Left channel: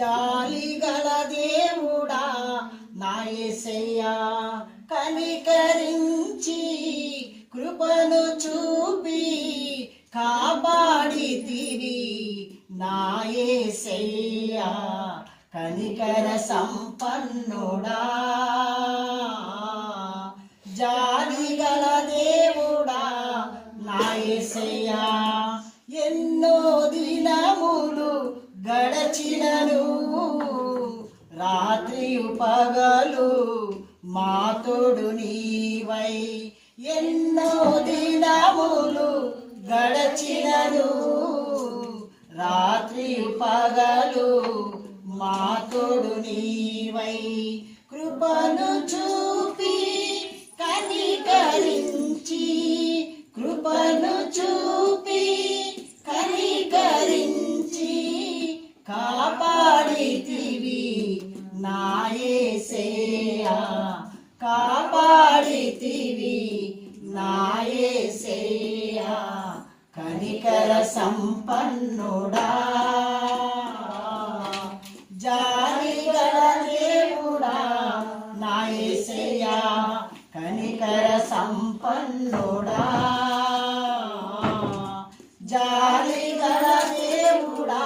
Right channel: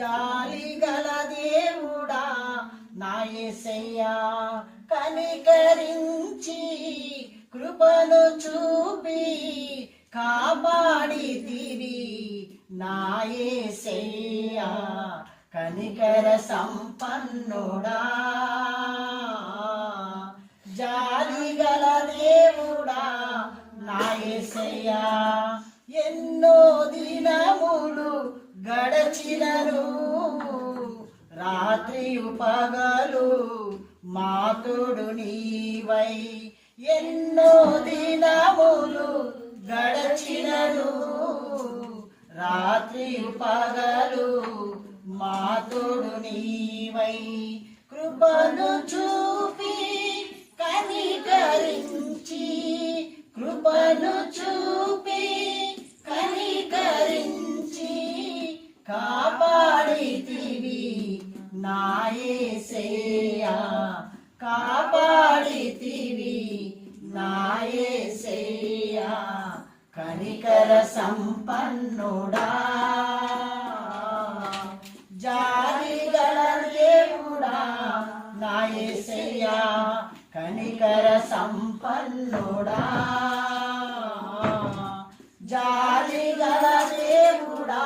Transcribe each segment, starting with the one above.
జాలిగల దేవుడా నా యేసయ్యా, కనికరించి కృపను చూపి కాపాడితివి నా యేసయ్యా, కనికర సంపన్నుడా. జాలిగల దేవుడా నా యేసయ్యా, ఎన్నో దినములు గడచినను రాత్రియు పగలు మా తోడు నీవై. ఎన్నో దినములు గడచినను రాత్రియు పగలు మా తోడు నీవై. కృపను చూపి కనికరించి, కృపను చూపి కనికరించి కాపాడితివి నా యేసయ్యా, కాపాడితివి నా యేసయ్యా, కనికర సంపన్నుడా. జాలిగల దేవుడా నా యేసయ్యా, కనికర సంపన్నుడా. జాలిగల దేవుడా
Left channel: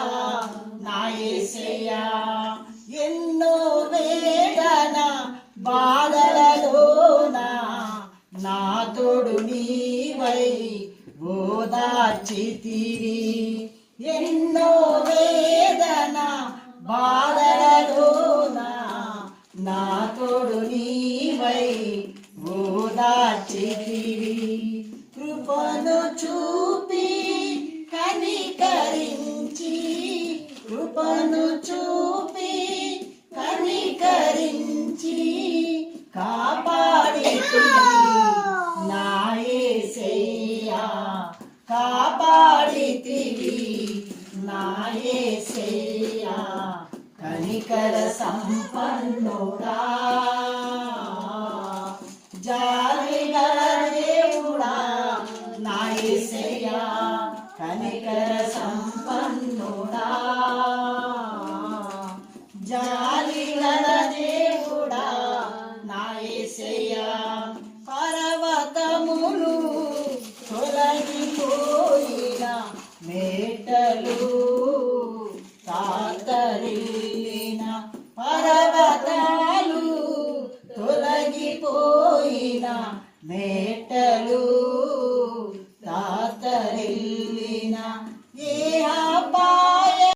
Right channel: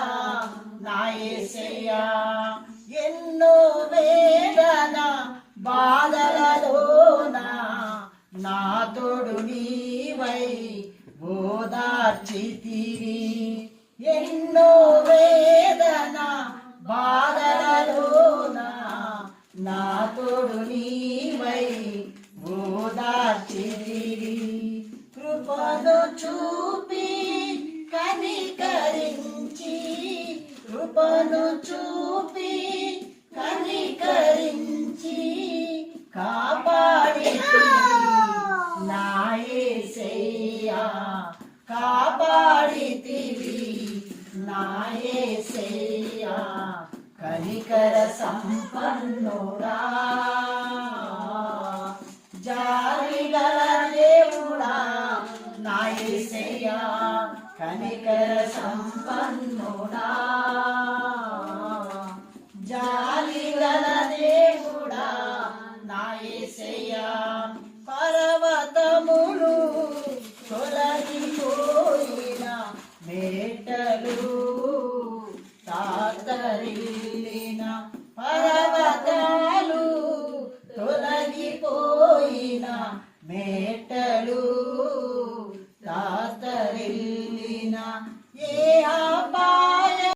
నా యేసయ్యా, ఎన్నో వేదన బాధలలోన నా తోడు నీవై ఓదార్చితివి. ఎన్నో వేదన బాధలలోన నా తోడు నీవై ఓదార్చితివి. కృపను చూపి కనికరించి, కృపను చూపి కనికరించి కాపాడితివి నా యేసయ్యా, కాపాడితివి నా యేసయ్యా, కనికర సంపన్నుడా.